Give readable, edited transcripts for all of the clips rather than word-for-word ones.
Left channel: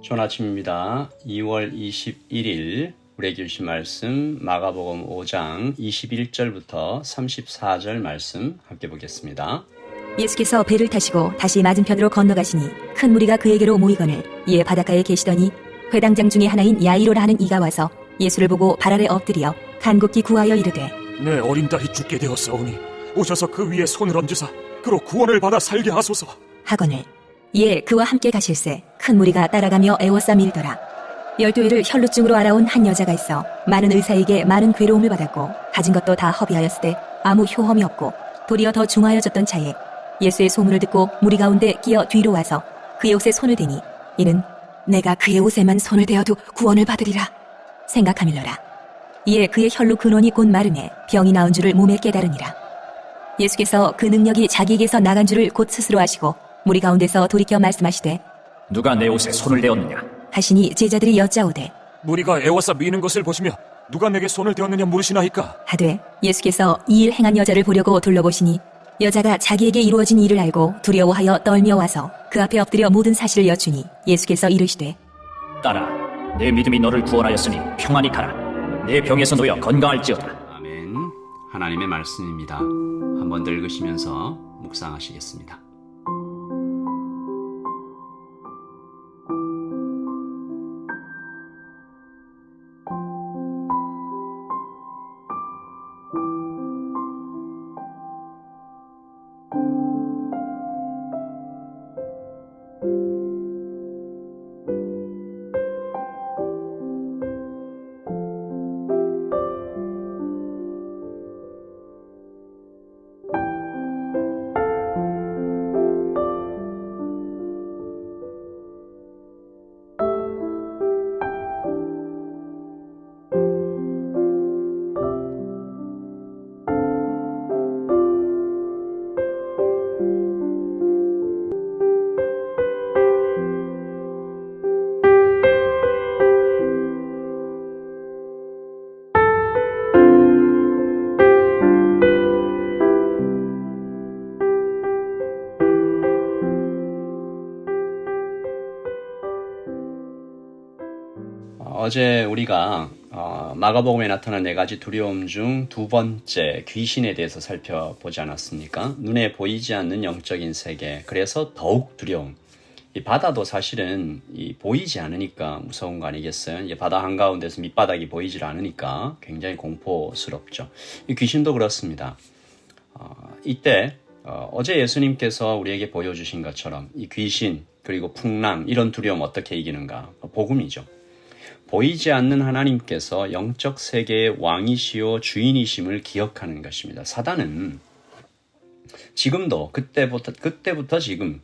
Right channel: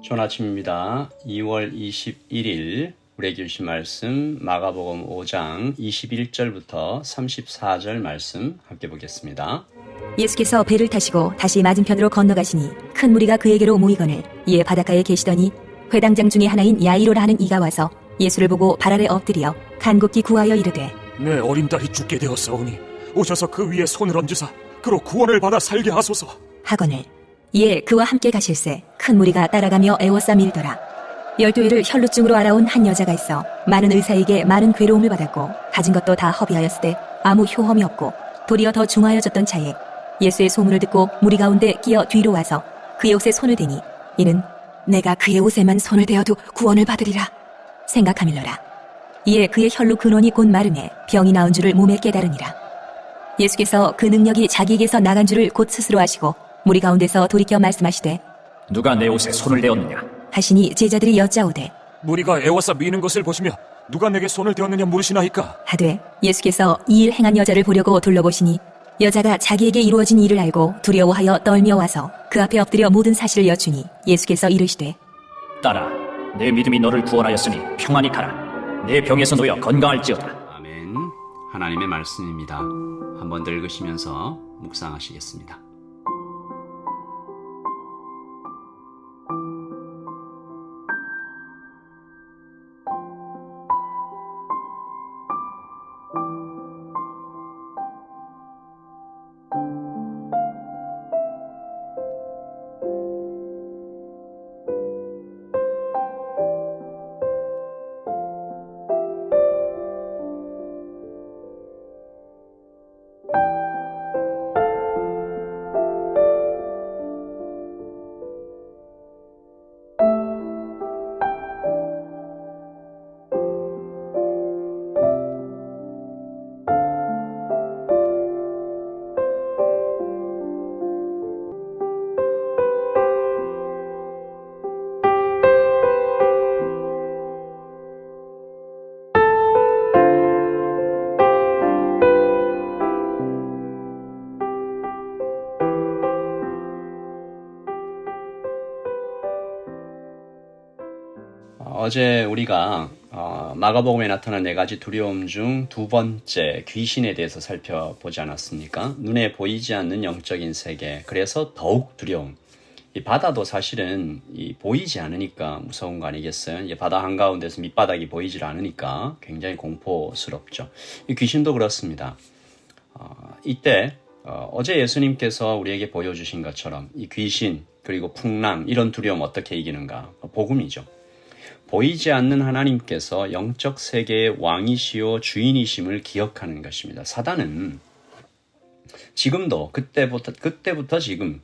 좋은 아침입니다. 2월 21일 우리에게 주신 말씀 마가복음 5장 21절부터 34절 말씀 함께 보겠습니다. 예수께서 배를 타시고 다시 맞은편으로 건너가시니 큰 무리가 그에게로 모이거늘 이에 바닷가에 계시더니 회당장 중에 하나인 야이로라 하는 이가 와서 예수를 보고 발 아래 엎드려 간곡히 구하여 이르되 내 어린 딸이 죽게 되었사오니 오셔서 그 위에 손을 얹으사 그로 구원을 받아 살게 하소서 하거늘 이에 그와 함께 가실새 큰 무리가 따라가며 애워싸 밀더라. 12일을 혈루증으로 알아온 한 여자가 있어 많은 의사에게 많은 괴로움을 받았고 가진 것도 다 허비하였으되 아무 효험이 없고 도리어 더 중하여졌던 차에 예수의 소문을 듣고 무리 가운데 끼어 뒤로 와서 그의 옷에 손을 대니 이는 내가 그의 옷에만 손을 대어도 구원을 받으리라 생각하밀러라. 이에 그의 혈루 근원이 곧 마름에 병이 나은 줄을 몸에 깨달으니라. 예수께서 그 능력이 자기에게서 나간 줄을 곧 스스로 아시고 무리 가운데서 돌이켜 말씀하시되 누가 내 옷에 손을 대었느냐? 하시니 제자들이 여짜오되 무리가 애워싸 미는 것을 보시며 누가 내게 손을 대었느냐 물으시나이까. 하되 예수께서 이 일 행한 여자를 보려고 둘러보시니 여자가 자기에게 이루어진 일을 알고 두려워하여 떨며 와서 그 앞에 엎드려 모든 사실을 여쭈니 예수께서 이르시되 딸아, 내 믿음이 너를 구원하였으니 평안히 가라. 내 병에서 놓여 건강할지어다. 아멘. 하나님의 말씀입니다. 한번 더 읽으시면서 묵상하시겠습니다. 어제 우리가 마가복음에 나타난 4가지 두려움 중 두 번째 귀신에 대해서 살펴보지 않았습니까? 눈에 보이지 않는 영적인 세계, 그래서 더욱 두려움. 이 바다도 사실은 보이지 않으니까 무서운 거 아니겠어요? 이 바다 한가운데서 밑바닥이 보이질 않으니까 굉장히 공포스럽죠. 이 귀신도 그렇습니다. 이때 어제 예수님께서 우리에게 보여주신 것처럼 이 귀신 그리고 풍랑 이런 두려움 어떻게 이기는가? 복음이죠. 보이지 않는 하나님께서 영적 세계의 왕이시오 주인이심을 기억하는 것입니다. 사단은 지금도 그때부터 지금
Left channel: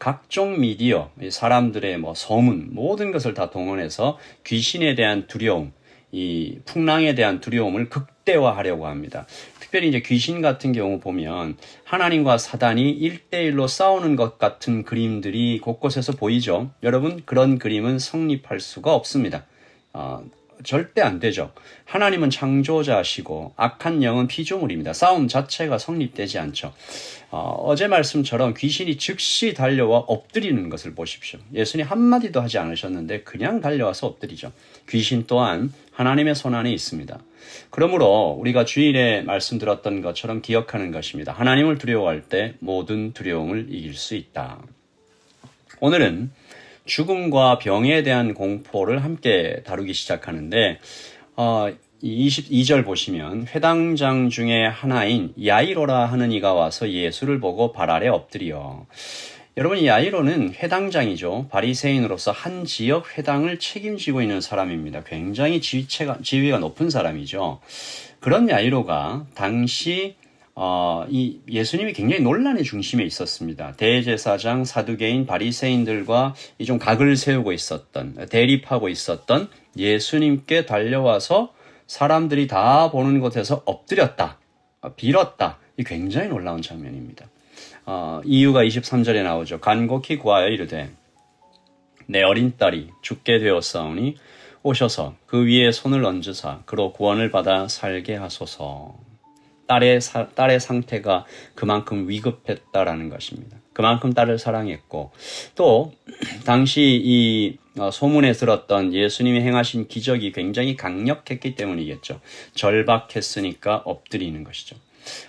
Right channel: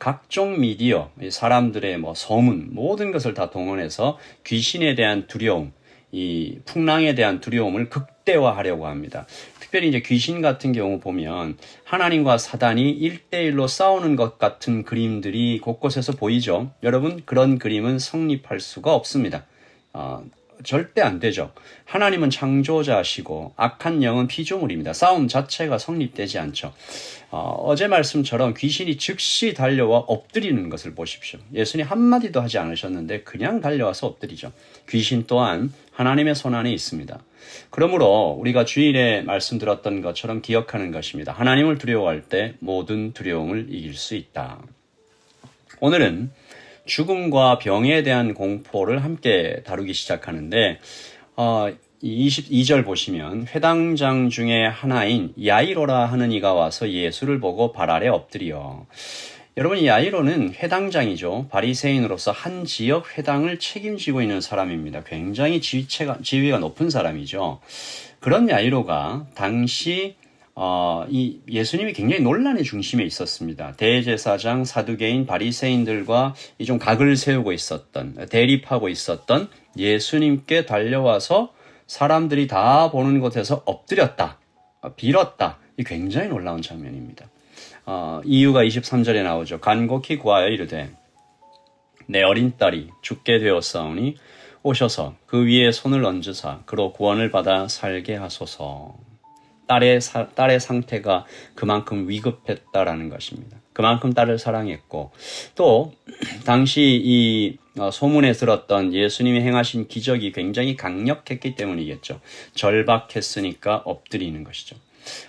각종 미디어, 사람들의 소문 모든 것을 다 동원해서 귀신에 대한 두려움, 이 풍랑에 대한 두려움을 극대화하려고 합니다. 특별히 이제 귀신 같은 경우 보면 하나님과 사단이 1대1로 싸우는 것 같은 그림들이 곳곳에서 보이죠. 여러분, 그런 그림은 성립할 수가 없습니다. 절대 안 되죠. 하나님은 창조자시고 악한 영은 피조물입니다. 싸움 자체가 성립되지 않죠. 어제 말씀처럼 귀신이 즉시 달려와 엎드리는 것을 보십시오. 예수님 한마디도 하지 않으셨는데 그냥 달려와서 엎드리죠. 귀신 또한 하나님의 손 안에 있습니다. 그러므로 우리가 주일에 말씀드렸던 것처럼 기억하는 것입니다. 하나님을 두려워할 때 모든 두려움을 이길 수 있다. 오늘은 죽음과 병에 대한 공포를 함께 다루기 시작하는데 22절 보시면 회당장 중에 하나인 야이로라 하는 이가 와서 예수를 보고 발 아래 엎드려. 여러분, 이 야이로는 회당장이죠. 바리새인으로서 한 지역 회당을 책임지고 있는 사람입니다. 굉장히 지위가 높은 사람이죠. 그런 야이로가 당시 이 예수님이 굉장히 논란의 중심에 있었습니다. 대제사장, 사두개인, 바리새인들과 좀 각을 세우고 있었던, 대립하고 있었던 예수님께 달려와서 사람들이 다 보는 곳에서 엎드렸다, 빌었다. 이 굉장히 놀라운 장면입니다. 이유가 23절에 나오죠. 간곡히 구하여 이르되 내 어린 딸이 죽게 되었사오니 오셔서 그 위에 손을 얹으사 그로 구원을 받아 살게 하소서. 딸의 상태가 그만큼 위급했다라는 것입니다. 그만큼 딸을 사랑했고 또 당시 이 소문에 들었던 예수님이 행하신 기적이 굉장히 강력했기 때문이겠죠. 절박했으니까 엎드리는 것이죠.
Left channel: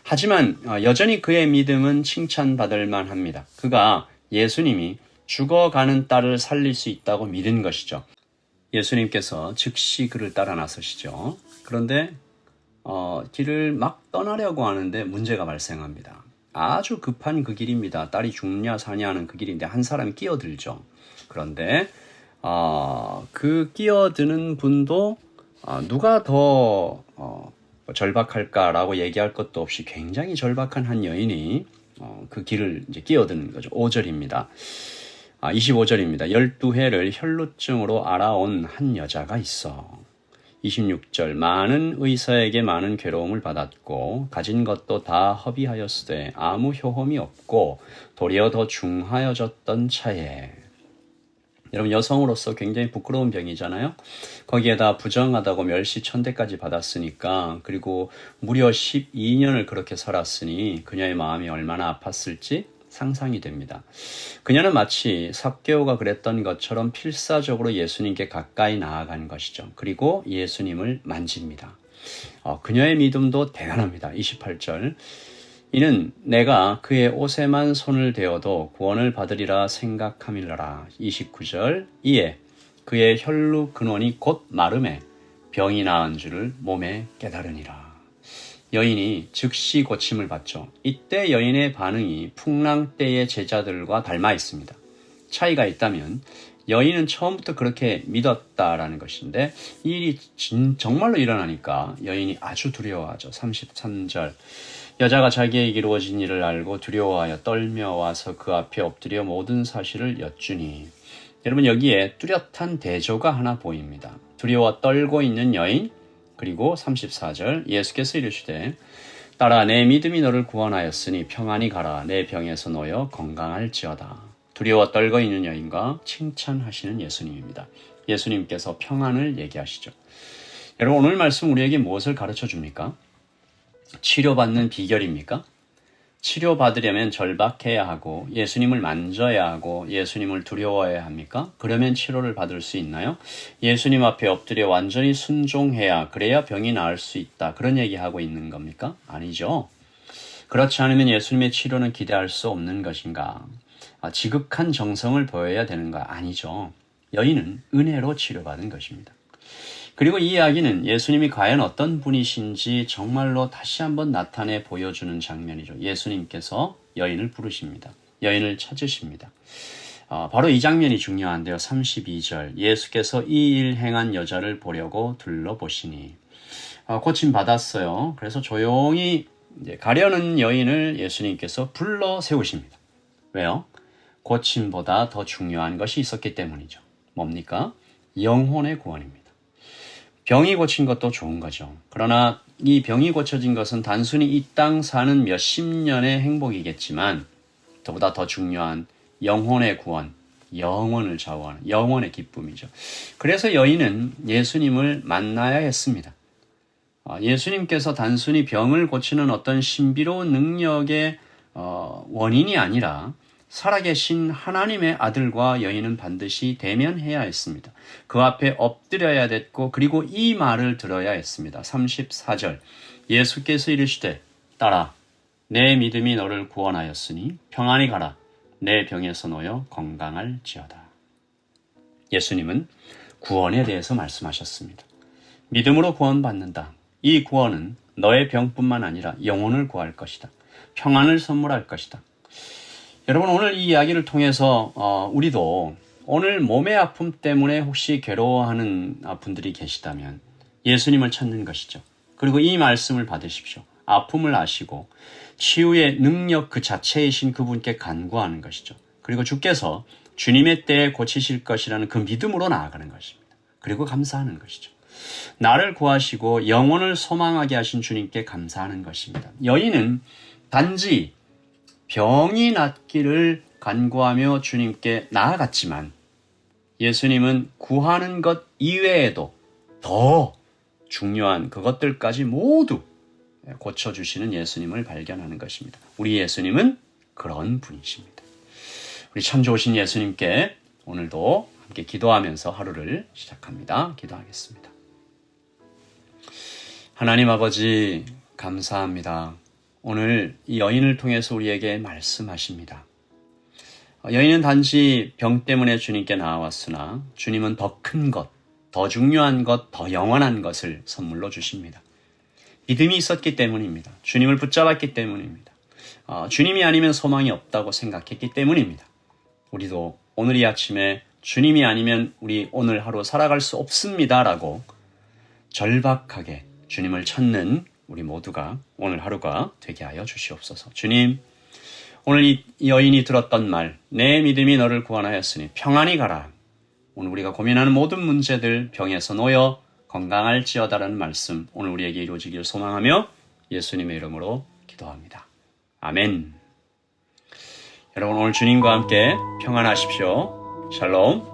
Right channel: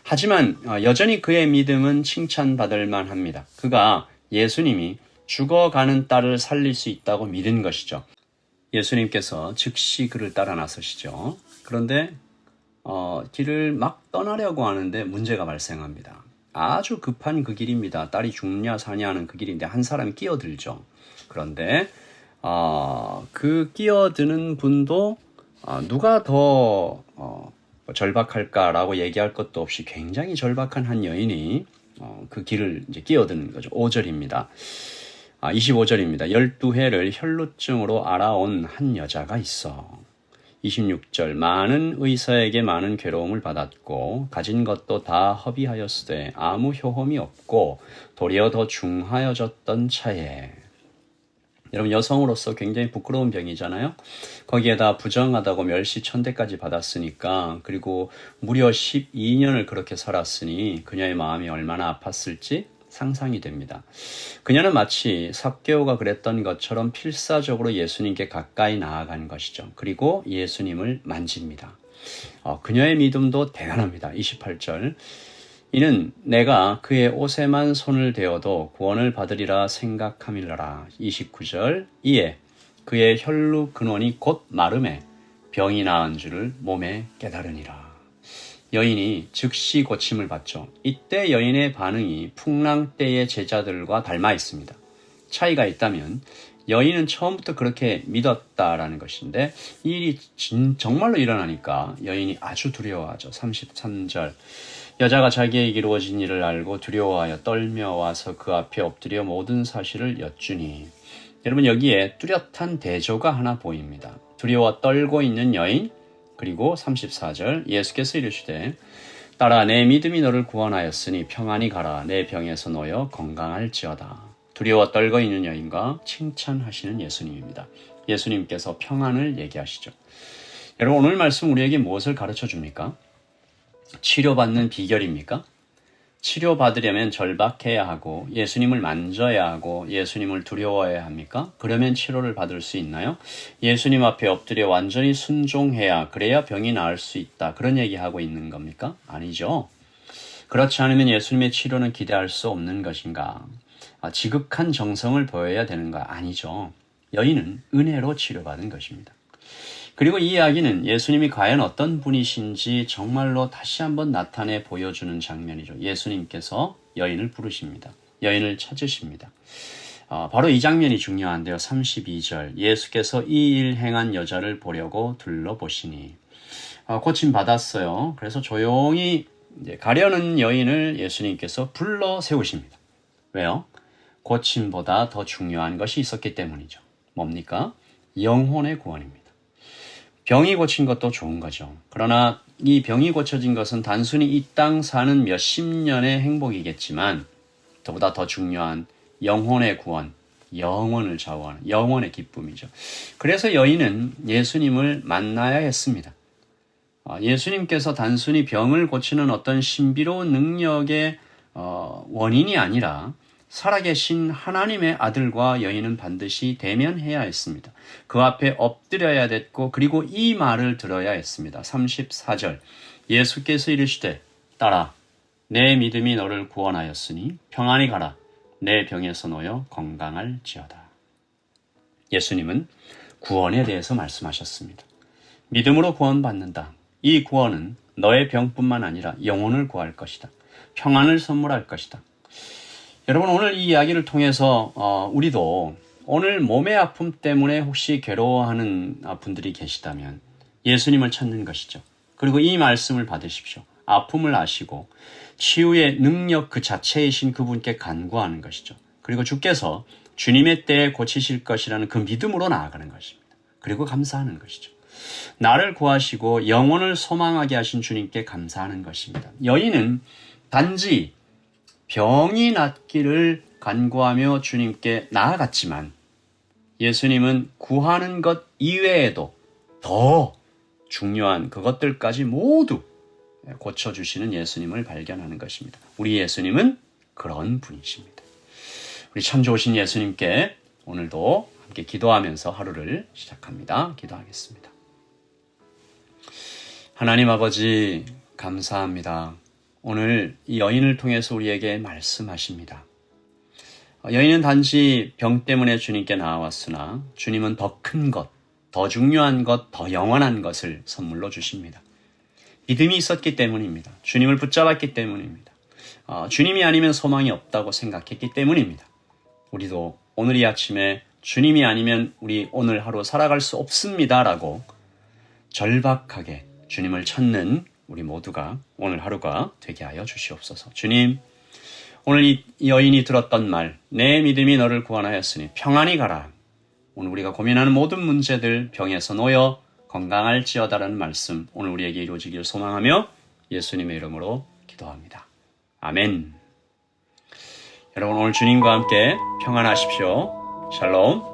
하지만 여전히 그의 믿음은 칭찬받을 만합니다. 그가 예수님이 죽어가는 딸을 살릴 수 있다고 믿은 것이죠. 예수님께서 즉시 그를 따라 나서시죠. 그런데 길을 막 떠나려고 하는데 문제가 발생합니다. 아주 급한 그 길입니다. 딸이 죽냐 사냐 하는 그 길인데 한 사람이 끼어들죠. 그런데 그 끼어드는 분도 누가 더 절박할까라고 얘기할 것도 없이 굉장히 절박한 한 여인이 그 길을 이제 끼어드는 거죠. 5절입니다. 25절입니다. 12해를 혈루증으로 알아온 한 여자가 있어. 26절 많은 의사에게 많은 괴로움을 받았고 가진 것도 다 허비하였으되 아무 효험이 없고 도리어 더 중하여졌던 차에. 여러분 여성으로서 굉장히 부끄러운 병이잖아요. 거기에다 부정하다고 멸시천대까지 받았으니까 그리고 무려 12년을 그렇게 살았으니 그녀의 마음이 얼마나 아팠을지 상상이 됩니다. 그녀는 마치 삭개오가 그랬던 것처럼 필사적으로 예수님께 가까이 나아간 것이죠. 그리고 예수님을 만집니다. 그녀의 믿음도 대단합니다. 28절 이는 내가 그의 옷에만 손을 대어도 구원을 받으리라 생각함일러라. 29절 이에 그의 혈루 근원이 곧 마름에 병이 나은 줄을 몸에 깨달으니라. 여인이 즉시 고침을 받죠. 이때 여인의 반응이 풍랑 때의 제자들과 닮아 있습니다. 차이가 있다면 여인은 처음부터 그렇게 믿었다라는 것인데 이 일이 정말로 일어나니까 여인이 아주 두려워하죠. 33절 여자가 자기에게 이루어진 일을 알고 두려워하여 떨며 와서 그 앞에 엎드려 모든 사실을 여쭈니. 여러분 여기에 뚜렷한 대조가 하나 보입니다. 두려워 떨고 있는 여인 그리고 34절 예수께서 이르시되 딸아 내 믿음이 너를 구원하였으니 평안히 가라 내 병에서 놓여 건강할지어다. 두려워 떨고 있는 여인과 칭찬하시는 예수님입니다. 예수님께서 평안을 얘기하시죠. 여러분 오늘 말씀 우리에게 무엇을 가르쳐 줍니까? 치료받는 비결입니까? 치료받으려면 절박해야 하고 예수님을 만져야 하고 예수님을 두려워해야 합니까? 그러면 치료를 받을 수 있나요? 예수님 앞에 엎드려 완전히 순종해야 그래야 병이 나을 수 있다. 그런 얘기하고 있는 겁니까? 아니죠. 그렇지 않으면 예수님의 치료는 기대할 수 없는 것인가? 지극한 정성을 보여야 되는가? 아니죠. 여인은 은혜로 치료받은 것입니다. 그리고 이 이야기는 예수님이 과연 어떤 분이신지 정말로 다시 한번 나타내 보여주는 장면이죠. 예수님께서 여인을 부르십니다. 여인을 찾으십니다. 바로 이 장면이 중요한데요. 32절 예수께서 이 일 행한 여자를 보려고 둘러보시니 고침 받았어요. 그래서 조용히 이제 가려는 여인을 예수님께서 불러 세우십니다. 왜요? 고침보다 더 중요한 것이 있었기 때문이죠. 뭡니까? 영혼의 구원입니다. 병이 고친 것도 좋은 거죠. 그러나 이 병이 고쳐진 것은 단순히 이 땅 사는 몇십 년의 행복이겠지만 그보다 더 중요한 영혼의 구원, 영혼을 좌우하는 영혼의 기쁨이죠. 그래서 여인은 예수님을 만나야 했습니다. 예수님께서 단순히 병을 고치는 어떤 신비로운 능력의 원인이 아니라 살아계신 하나님의 아들과 여인은 반드시 대면해야 했습니다. 그 앞에 엎드려야 됐고 그리고 이 말을 들어야 했습니다. 34절 예수께서 이르시되 딸아 내 믿음이 너를 구원하였으니 평안히 가라 내 병에서 놓여 건강할지어다. 예수님은 구원에 대해서 말씀하셨습니다. 믿음으로 구원받는다. 이 구원은 너의 병뿐만 아니라 영혼을 구할 것이다. 평안을 선물할 것이다. 여러분 오늘 이 이야기를 통해서 우리도 오늘 몸의 아픔 때문에 혹시 괴로워하는 분들이 계시다면 예수님을 찾는 것이죠. 그리고 이 말씀을 받으십시오. 아픔을 아시고 치유의 능력 그 자체이신 그분께 간구하는 것이죠. 그리고 주께서 주님의 때에 고치실 것이라는 그 믿음으로 나아가는 것입니다. 그리고 감사하는 것이죠. 나를 구하시고 영혼을 소망하게 하신 주님께 감사하는 것입니다. 여인은 단지 병이 낫기를 간구하며 주님께 나아갔지만 예수님은 구하는 것 이외에도 더 중요한 그것들까지 모두 고쳐주시는 예수님을 발견하는 것입니다. 우리 예수님은 그런 분이십니다. 우리 참 좋으신 예수님께 오늘도 함께 기도하면서 하루를 시작합니다. 기도하겠습니다. 하나님 아버지 감사합니다. 오늘 이 여인을 통해서 우리에게 말씀하십니다. 여인은 단지 병 때문에 주님께 나아왔으나 주님은 더 큰 것, 더 중요한 것, 더 영원한 것을 선물로 주십니다. 믿음이 있었기 때문입니다. 주님을 붙잡았기 때문입니다. 주님이 아니면 소망이 없다고 생각했기 때문입니다. 우리도 오늘 이 아침에 주님이 아니면 우리 오늘 하루 살아갈 수 없습니다라고 절박하게 주님을 찾는 우리 모두가 오늘 하루가 되게 하여 주시옵소서. 주님, 오늘 이 여인이 들었던 말, 내 믿음이 너를 구원하였으니 평안히 가라. 오늘 우리가 고민하는 모든 문제들 병에서 놓여 건강할지어다라는 말씀 오늘 우리에게 이루어지기를 소망하며 예수님의 이름으로 기도합니다. 아멘. 여러분 오늘 주님과 함께 평안하십시오. 샬롬.